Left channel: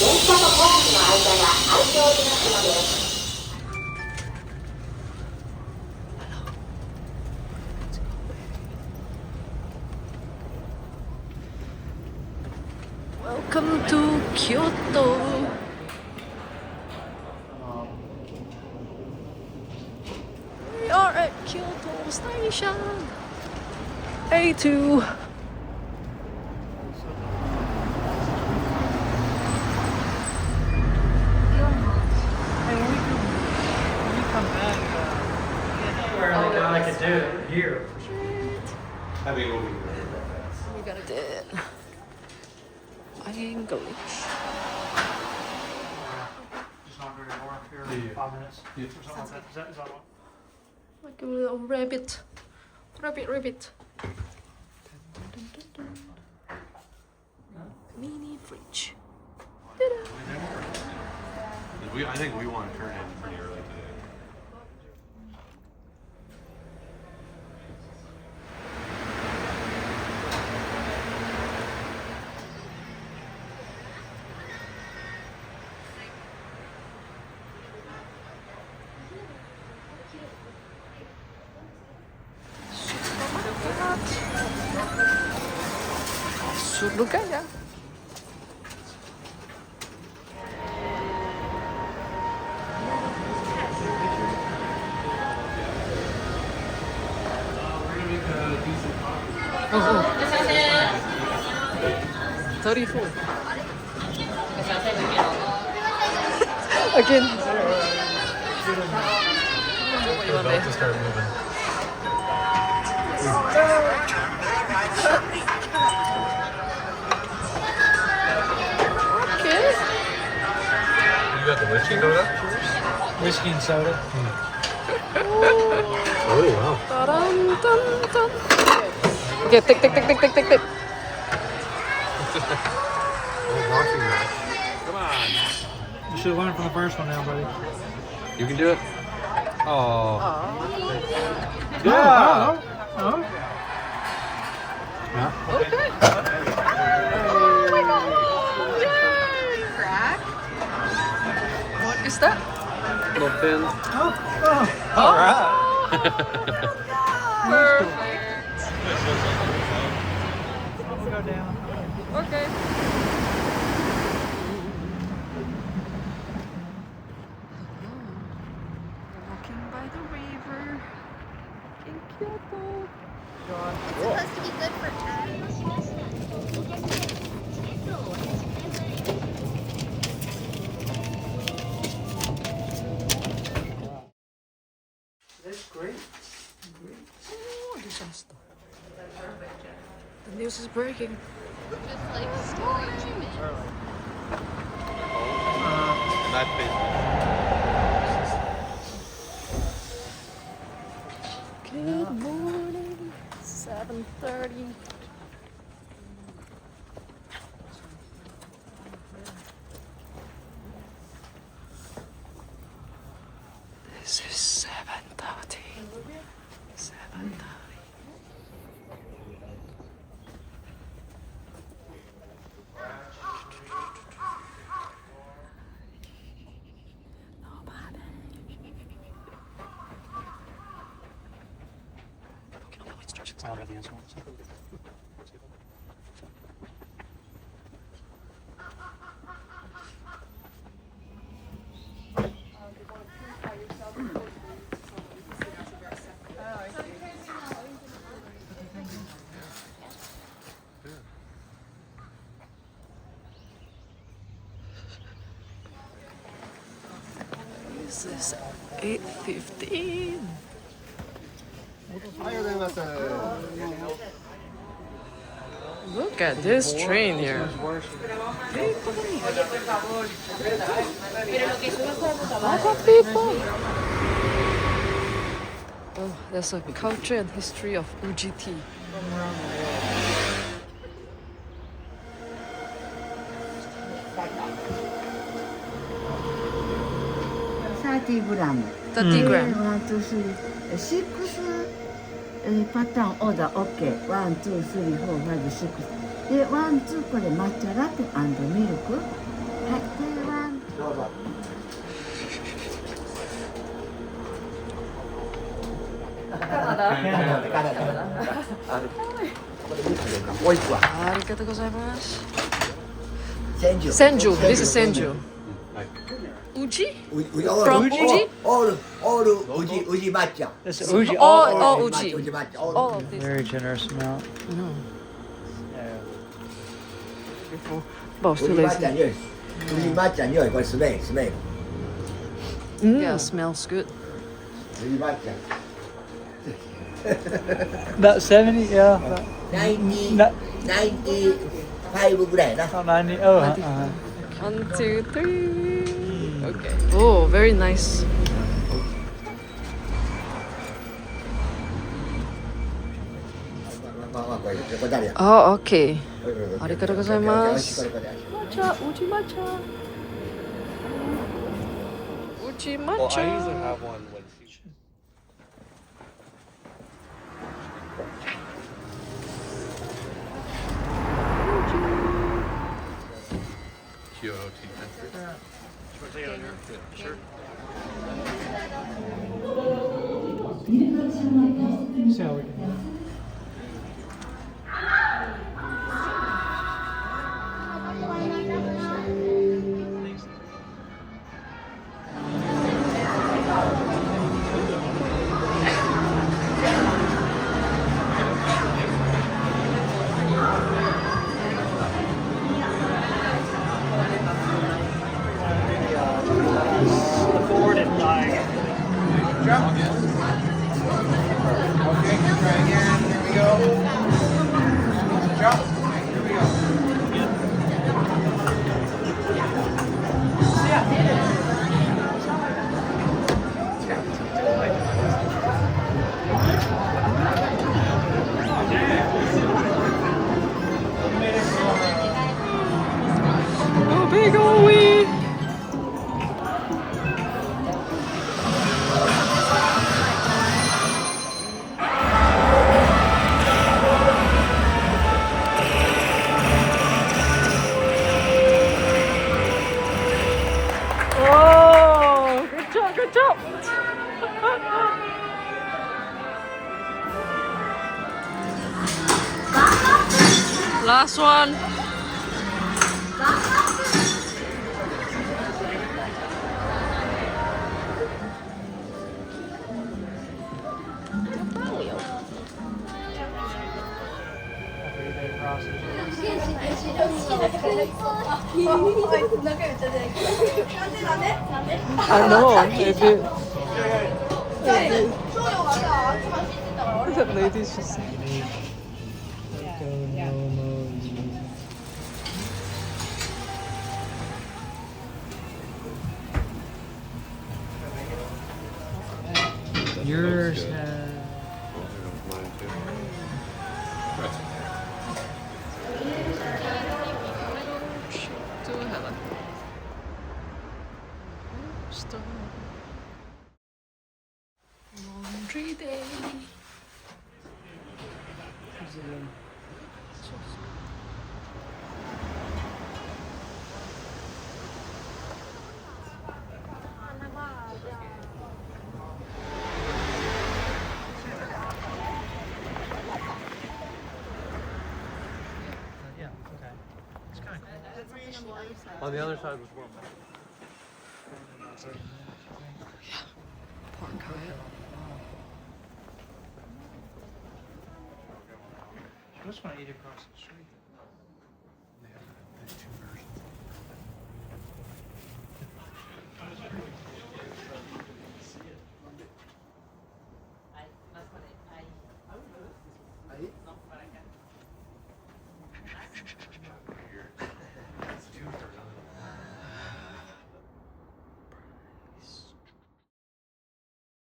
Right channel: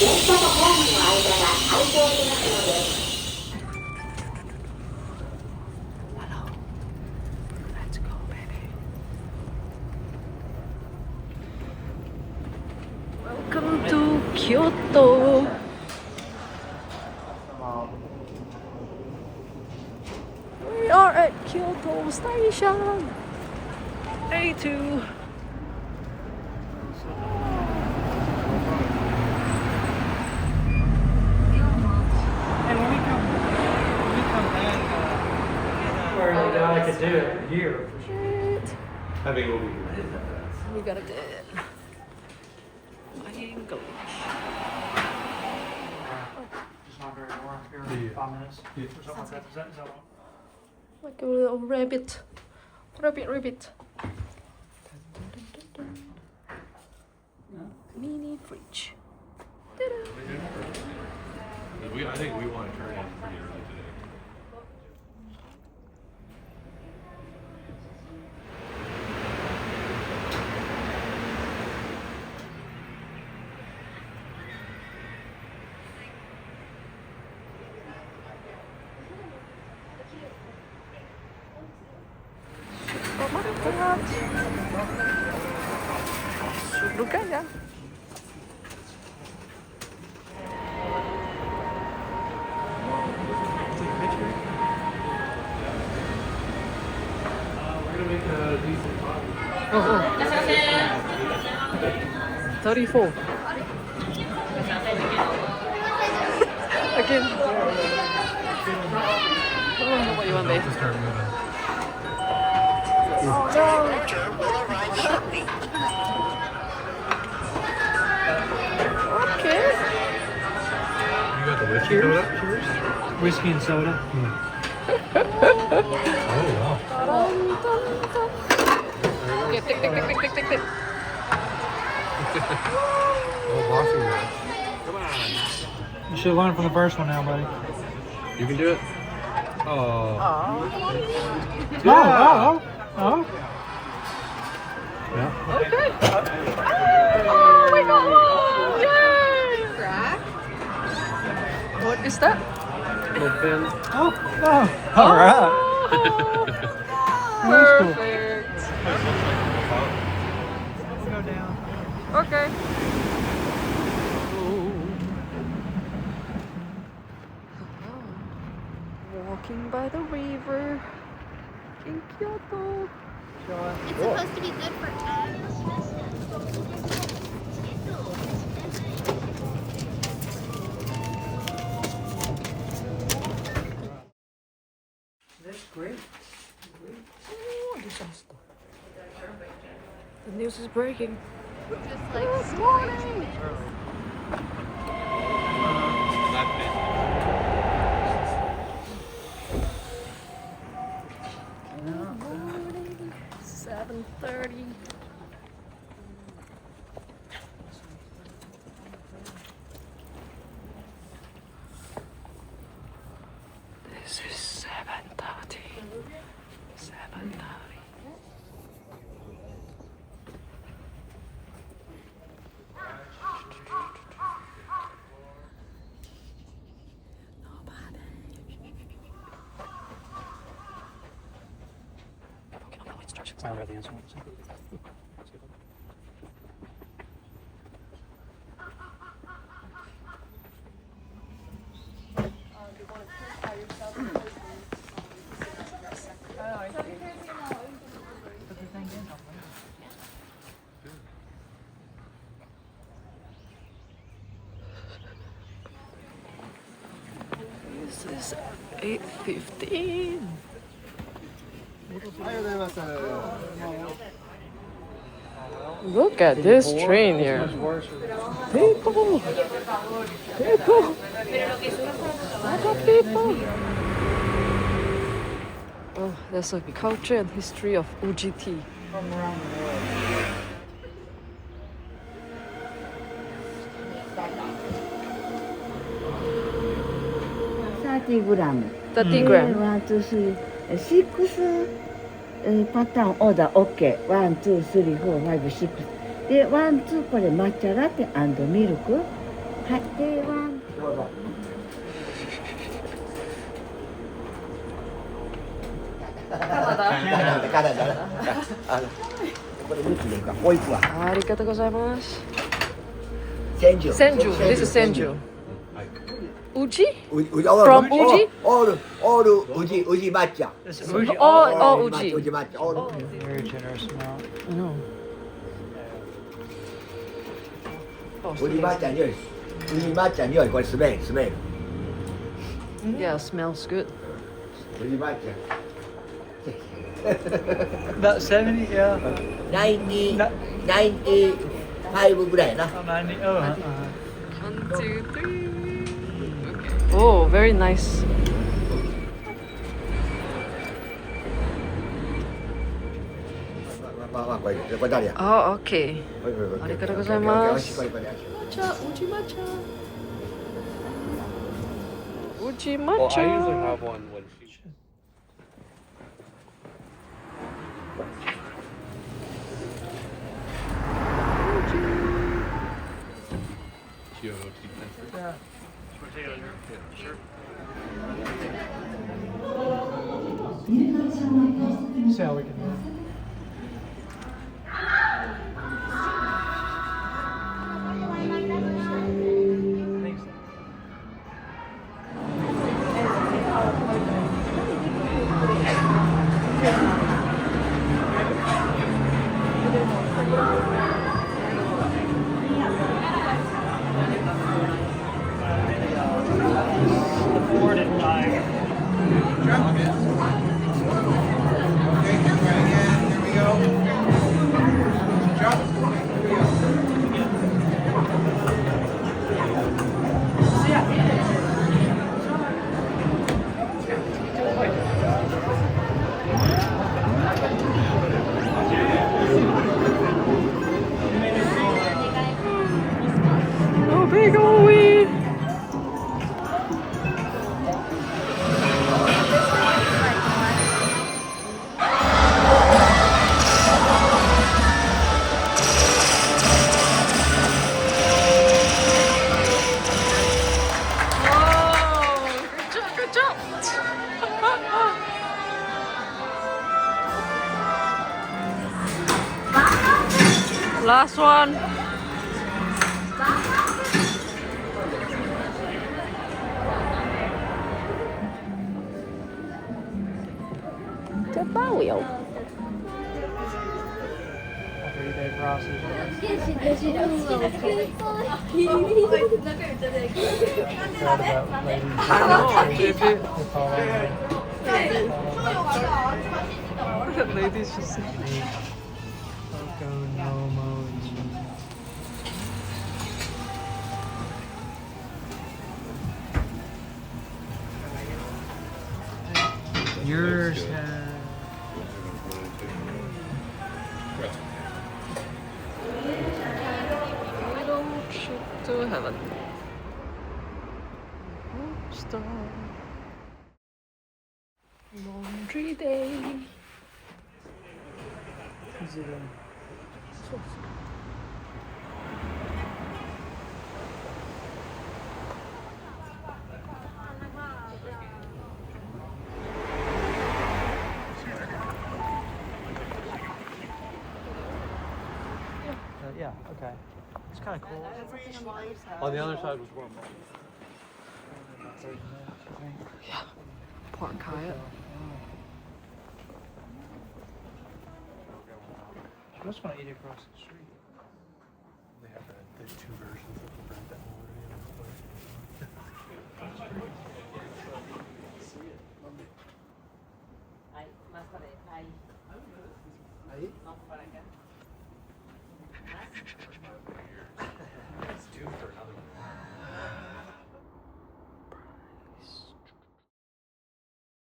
Welcome to Kyoto. We are at Kyoto Station. A2. Hey, when we come back, where I could do it here. Shit. I mean, We gotta do it. English. It's not very far here, 5 minutes. Or something like that. Is that what? Like a little rabbit. Rabbit. Mini fridge. Ta-da. I think we want to turn in pretty early today. Supermarket. Surabaya. We're gonna make a decent coffee. Oh. 34. Again. What do you want there? To start moving. Okay. You got the whiskey soda? Whiskey and soda. Oh wow. Dun, dun, dun. Okay, tick. Oh, washing that. Come on. You should learn from the first one now, buddy. You can do it. Oh. Oh. Yeah. Okay. Oh my god! Yay! What is that? Open. Oh! Perfect. Okay. Walking by the river in Kyoto. It's supposed to be good for That's great. Oh, disaster. The news is breaking. This morning. Good morning. 7:30. This is 7:30. 7:30. Nobody. Okay, no instructions. Sorry about the instruments. This is 8:15. Look at this train here. People. Other people. Oh, there's a culture and history of Uji tea. 30 グラム。 30 gram. ワン、ツー、スリー、6パターンオーダー OK。ワン、ツー、スリー、フォー、ファイブ、シックス。で、ワン、ツー、これ抹茶ラテミルク。はいではどうぞ。これ3つでいいか。もう1個は。ありがとうございます。千住。Senju. This is Senju. Uji? All From Uji? All Uji matcha. This is Fuji. All Uji. Uji matcha. All. All of this. Very generous amount. I know. Yeah. But still 宇治抹茶 lazy. 匂い。宇治抹茶匂い。これスメールスメール。 Yeah, smells good. 宇治抹茶。 About 70, yeah. 95ぐらいやな。 About 90. Oh, One, two, three. Okay. Oh, very nice. まあこれ誰や。 Oh, okay. あありがとうございますこれ。Matcha, Uji matcha. Uji Well, I usually matcha. have one when she. Kyoto tea country. See how we can do it. Oh, big are we? Oh, good job, good job. Last one. Everyday process. I know, they do. The ladies just say. Go no mo. Yours has. Mine too. Little trip to heaven. Star. Laundry day. Who's it in? Yeah, okay. It's kind of cool. On the other side was warm. Park Hyatt. I just want to eat across the street. They have that. There's two